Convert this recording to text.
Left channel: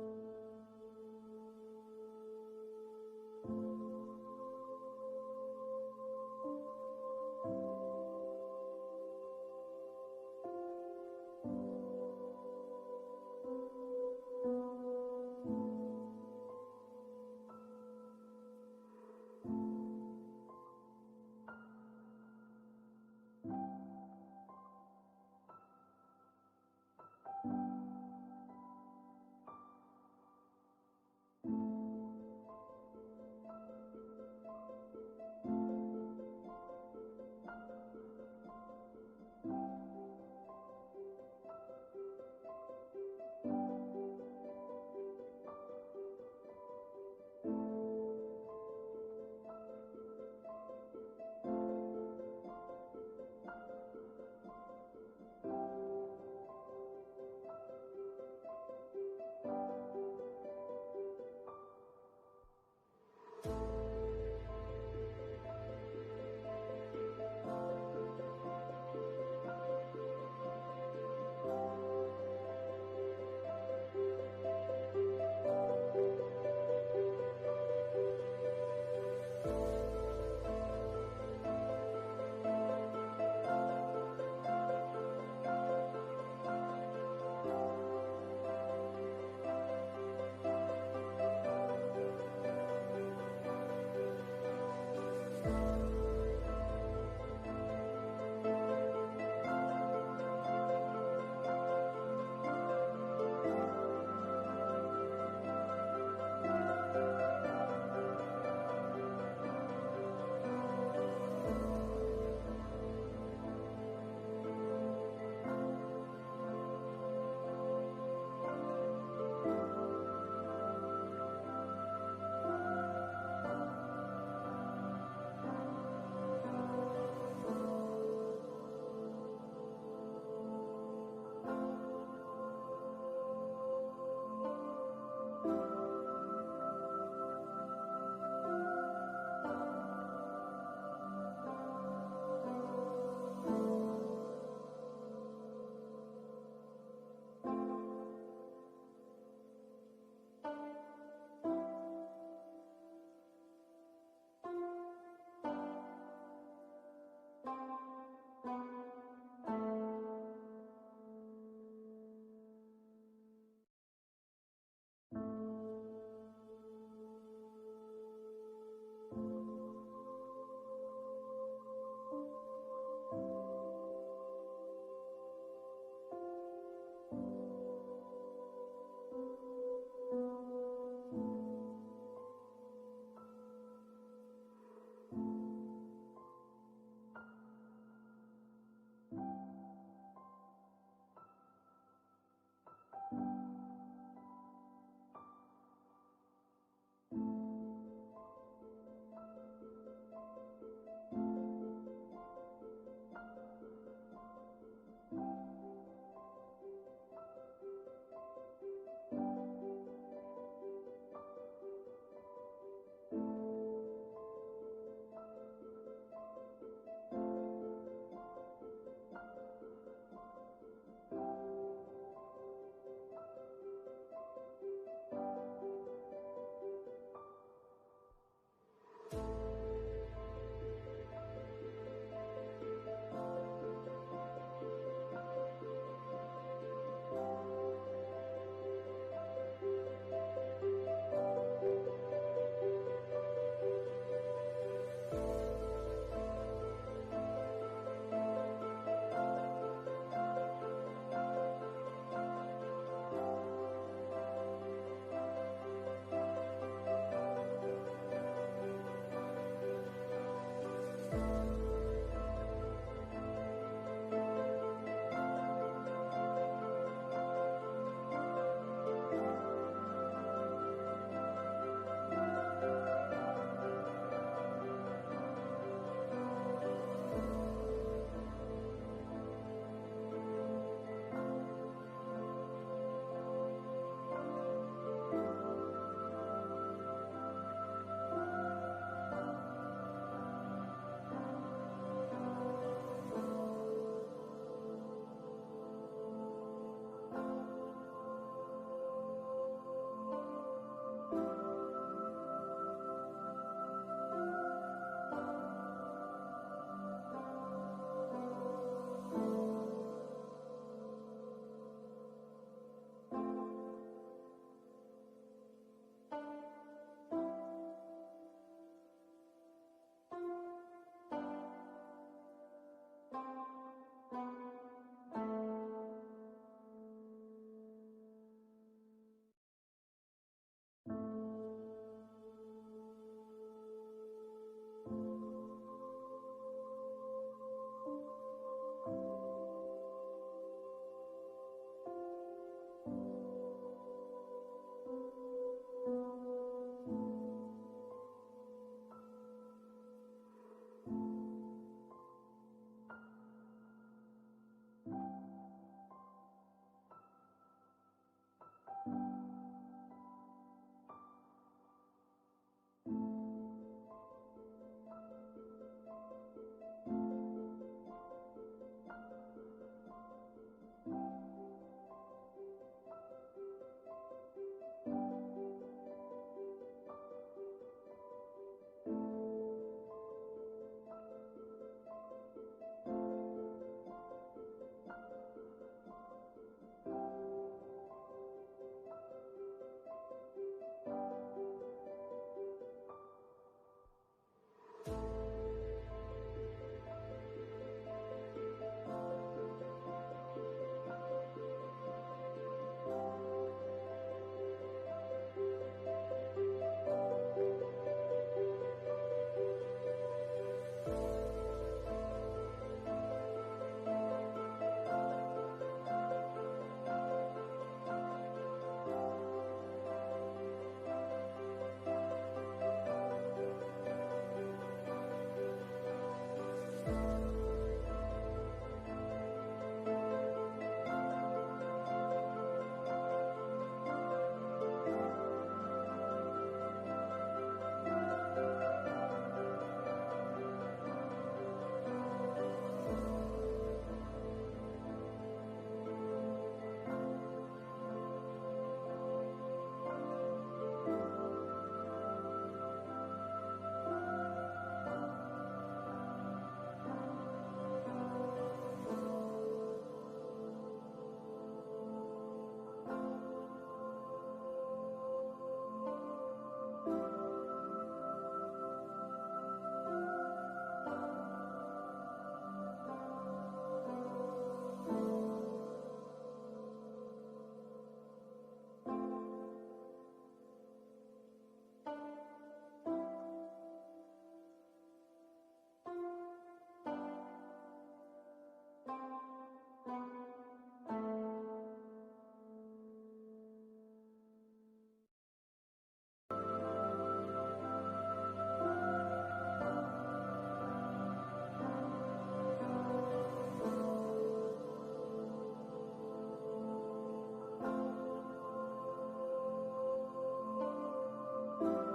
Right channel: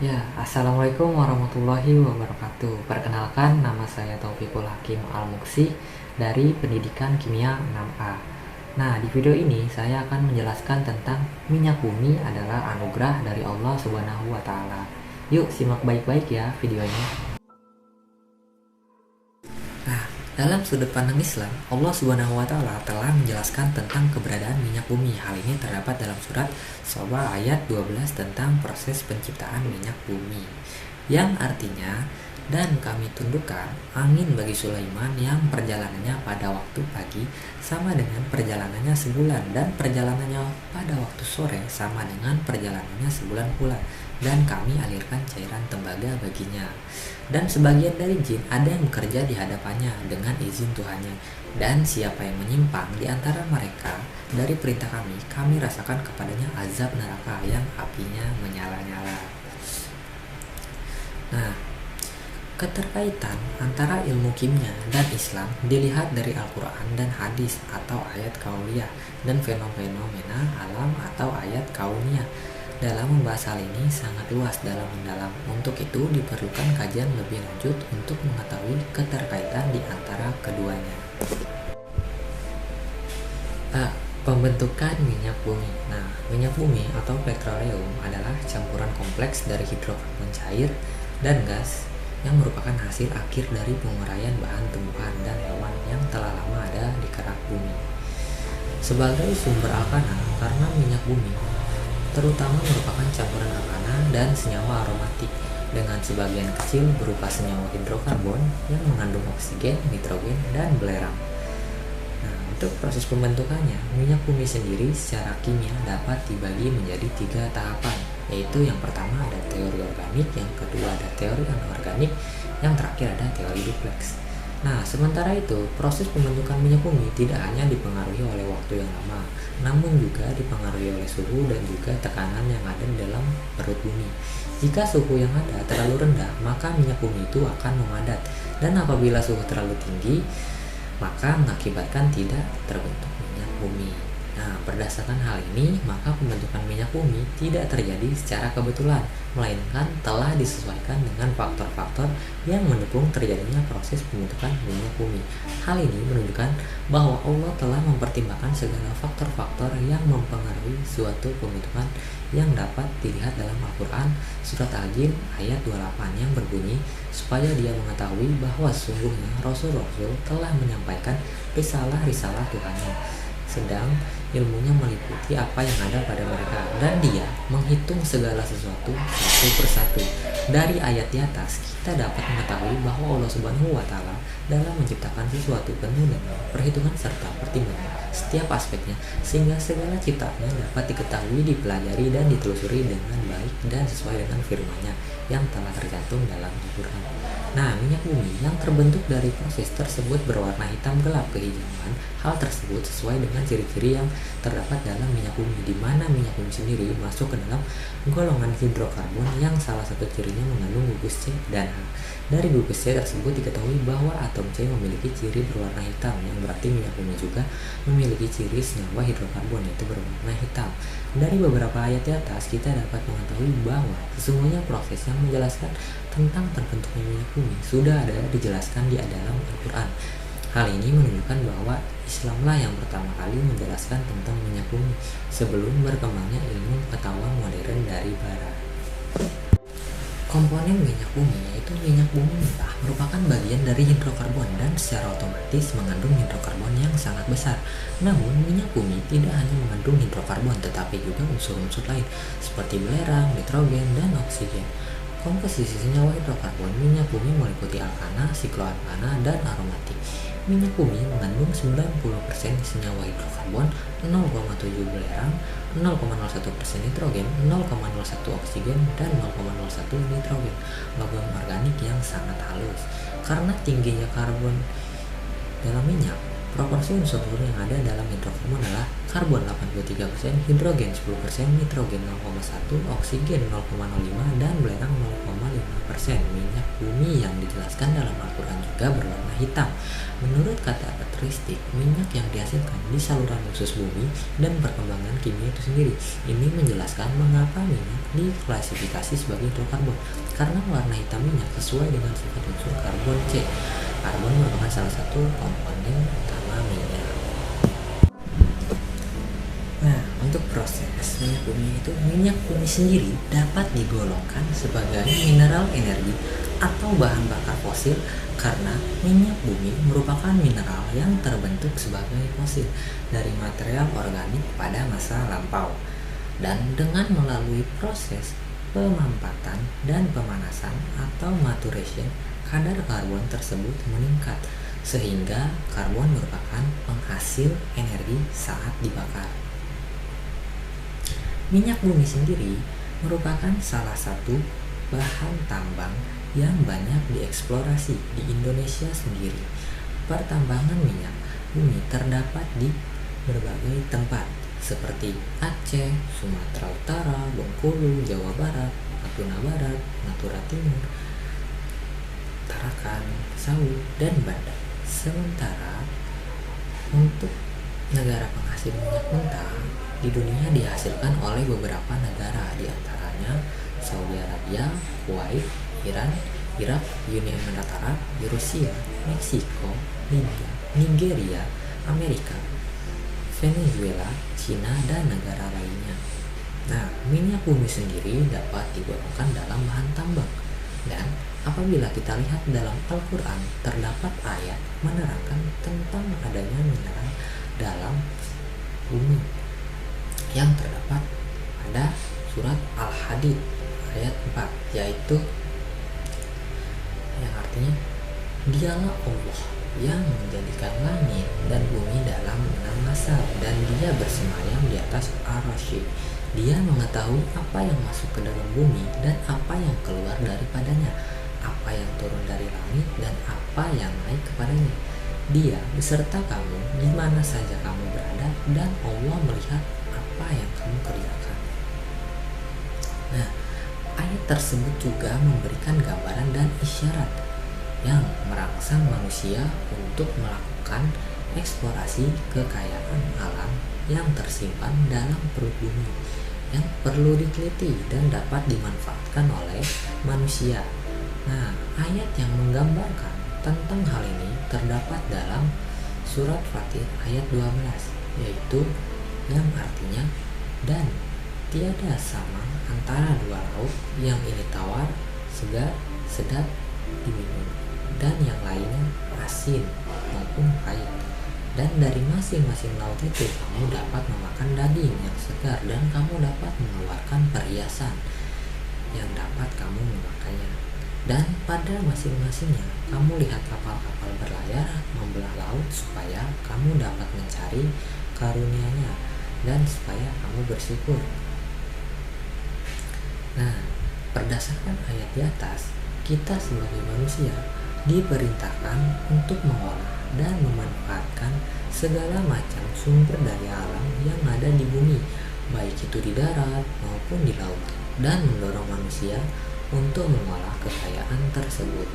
Ya, Assalamualaikum warahmatullahi wabarakatuh. Perkenalkan, nama saya Taufikul Hakim Al-Muksi dari Pendidikan Kimia 6A. Nah, di video ini saya akan menjelaskan tentang minyak bumi adalah anugerah dari Allah Subhanahu wa Ta'ala. Yuk, simak baik-baik ya videonya. Nah, dalam sudut pandang Islam, Allah Subhanahu wa Ta'ala telah menjelaskan tentang keberadaan minyak bumi. Hal ini terdapat dalam surat Soba ayat 12 tentang proses penciptaan minyak bumi, yang artinya, dan kami tundukkan angin bagi Sulaiman yang perjalanannya pada waktu pagi sama dengan perjalanannya sebulan, dan perjalanannya pada waktu sore sama dengan perjalanannya sebulan pula, dan kami alirkan cairan tembaga baginya. Dan sebagian dari jin ada yang bekerja di hadapannya dengan izin Tuhannya, dan siapa yang menyimpang di antara mereka dari perintah kami, kami rasakan kepadanya azab neraka yang apinya menyala-nyala. Nah, keterkaitan antara ilmu kimia dan Islam dilihat dari Al-Quran dan hadis atau ayat kauliyah dan fenomena alam atau ayat kauniyah. Dalam membahas hal ini sangat luas dalam mendalam. Untuk itu diperlukan kajian lebih lanjut untuk mengetahui keterkaitan di antara keduanya. Pembentukan minyak bumi. Nah, minyak bumi atau petroleum adalah campuran kompleks dari hidrokarbon cair dan gas yang merupakan hasil akhir dari penguraian bahan tumbuhan dan hewan yang telah lama ada di kerak bumi. Sebagai sumber alkana, karena minyak bumi terutama merupakan campuran alkana dan senyawa aromatik dengan sebagian kecil berupa senyawa hidrokarbon yang mengandung oksigen, nitrogen, dan belerang. Nah, untuk proses pembentukannya, minyak bumi sendiri secara kimia dapat dibagi menjadi 3 tahapan, yaitu yang pertama ada teori organik, yang kedua ada teori anorganik, yang terakhir ada teori duplex. Nah, sementara itu, proses pembentukan minyak bumi tidak hanya dipengaruhi oleh waktu yang lama, namun juga dipengaruhi oleh suhu dan juga tekanan yang ada di dalam perut bumi. Jika suhu yang ada terlalu rendah, maka minyak bumi itu akan memadat, dan apabila suhu terlalu tinggi, maka mengakibatkan tidak terbentuk minyak bumi. Nah, berdasarkan hal ini, maka pembentukan minyak bumi tidak terjadi secara kebetulan, melainkan telah disesuaikan dengan faktor-faktor yang mendukung terjadinya proses pembentukan minyak bumi. Hal ini menunjukkan bahwa Allah telah mempertimbangkan segala faktor-faktor yang mempengaruhi suatu pembentukan yang dapat dilihat dalam Al-Quran Surat Al-Jin ayat 28 yang berbunyi, supaya dia mengetahui bahwa sesungguhnya Rasul-Rasul telah menyampaikan risalah-risalah Tuhannya, sedang ilmunya meliputi apa yang ada pada mereka, dan dia menghitung segala sesuatu satu persatu. Dari ayat di atas kita dapat mengetahui bahwa Allah Subhanahu wa Ta'ala dalam menciptakan sesuatu penuh dengan perhitungan serta pertimbangan setiap aspeknya, sehingga segala ciptaannya dapat diketahui, dipelajari, dan ditelusuri dengan baik dan sesuai dengan firman-Nya yang telah tercantum dalam Al-Quran. Nah, minyak bumi yang terbentuk dari proses tersebut berwarna hitam gelap kehijauan. Hal tersebut sesuai dengan ciri-ciri yang terdapat dalam minyak bumi, di mana minyak bumi sendiri masuk ke dalam golongan hidrokarbon yang salah satu cirinya mengandung gugus C dan H. Dari gugus C tersebut diketahui bahwa atom C memiliki ciri berwarna hitam, yang berarti minyak bumi juga memiliki ciri senyawa hidrokarbon yaitu berwarna hitam. Dari beberapa ayat di atas kita dapat mengetahui bahwa sesungguhnya proses yang menjelaskan tentang terbentuknya minyak bumi sudah ada dijelaskan di dalam Al-Quran. Hal ini menunjukkan bahwa Islamlah yang pertama kali menjelaskan tentang minyak bumi sebelum berkembangnya ilmu pengetahuan modern dari barat. Komponen minyak bumi yaitu minyak bumi mentah merupakan bagian dari hidrokarbon dan secara otomatis mengandung hidrokarbon yang sangat besar. Namun minyak bumi tidak hanya mengandung hidrokarbon tetapi juga unsur-unsur lain seperti belerang, nitrogen, dan oksigen. Komposisi senyawa hidrokarbon minyak bumi meliputi alkana, sikloalkana, dan aromatik. Minyak bumi mengandung 90% senyawa hidrokarbon, 0,7 belerang, 0,01% nitrogen, 0,01 oksigen, dan 0,01 nitrogen. Logam organik yang sangat halus. Karena tingginya karbon dalam minyak, Proporsi unsur yang ada dalam hidrokarbon adalah karbon 83%, hidrogen 10%, nitrogen 0,1, oksigen 0,05, dan belerang 0,5%. Minyak bumi yang dijelaskan dalam Al-Quran juga berwarna hitam. Menurut karakteristik minyak yang dihasilkan di saluran usus bumi dan perkembangan kimia itu sendiri, ini menjelaskan mengapa minyak diklasifikasi sebagai hidrokarbon, karena warna hitam minyak sesuai dengan sifat unsur karbon C. Karbon merupakan salah satu komponen utama minyak. Nah, untuk proses minyak bumi sendiri dapat digolongkan sebagai mineral energi atau bahan bakar fosil karena minyak bumi merupakan mineral yang terbentuk sebagai fosil dari material organik pada masa lampau. Dan dengan melalui proses pemampatan dan pemanasan atau maturation, kadar karbon tersebut meningkat sehingga karbon merupakan penghasil energi saat dibakar. Minyak bumi sendiri merupakan salah satu bahan tambang yang banyak dieksplorasi di Indonesia sendiri. Pertambangan minyak bumi terdapat di berbagai tempat seperti Aceh, Sumatera Utara, Bengkulu, Jawa Barat, Natuna Barat, Natura Timur, Tarakan, Sau, dan Banda. Sementara untuk negara penghasil minyak mentah di dunia dihasilkan oleh beberapa negara, diantaranya Saudi Arabia, Kuwait, Iran, Irak, Uni Emirat Arab, Rusia, Meksiko, Libya, Nigeria, Amerika, Venezuela, Cina, dan negara lainnya. Nah, minyak bumi sendiri dapat digolongkan dalam bahan tambang. Dan apabila kita lihat dalam Al-Quran, terdapat ayat menerangkan tentang adanya mineral dalam bumi yang terdapat pada surat Al-Hadid ayat 4, yaitu yang artinya, dialah Allah yang menjadikan langit dan bumi dalam 6 masa, dan dia bersemayam di atas Ar-Rasy. Dia mengetahui apa yang masuk ke dalam bumi dan apa yang keluar daripadanya, apa yang turun dari langit dan apa yang naik kepadanya. Dia beserta kamu di mana saja kamu berada, dan Allah melihat apa yang kamu kerjakan. Nah, ayat tersebut juga memberikan gambaran dan isyarat yang merangsang manusia untuk melakukan eksplorasi kekayaan alam yang tersimpan dalam perut bumi, yang perlu diteliti dan dapat dimanfaatkan oleh manusia. Nah, ayat yang menggambarkan tentang hal ini terdapat dalam surat Fatir ayat 12, yaitu yang artinya, dan tiada sama antara dua laut, yang ini tawar, segar, sedap diminum, dan yang lainnya asin maupun pahit. Dan dari masing-masing laut itu kamu dapat memakan daging yang segar, dan kamu dapat mengeluarkan perhiasan yang dapat kamu memakainya. Dan pada masing-masingnya kamu lihat kapal-kapal berlayar membelah laut supaya kamu dapat mencari karunia-Nya dan supaya kamu bersyukur. Nah, berdasarkan ayat di atas, kita sebagai manusia diperintahkan untuk mengolah dan memanfaatkan segala macam sumber daya alam yang ada di bumi, baik itu di darat maupun di laut, dan mendorong manusia untuk mengolah kekayaan tersebut.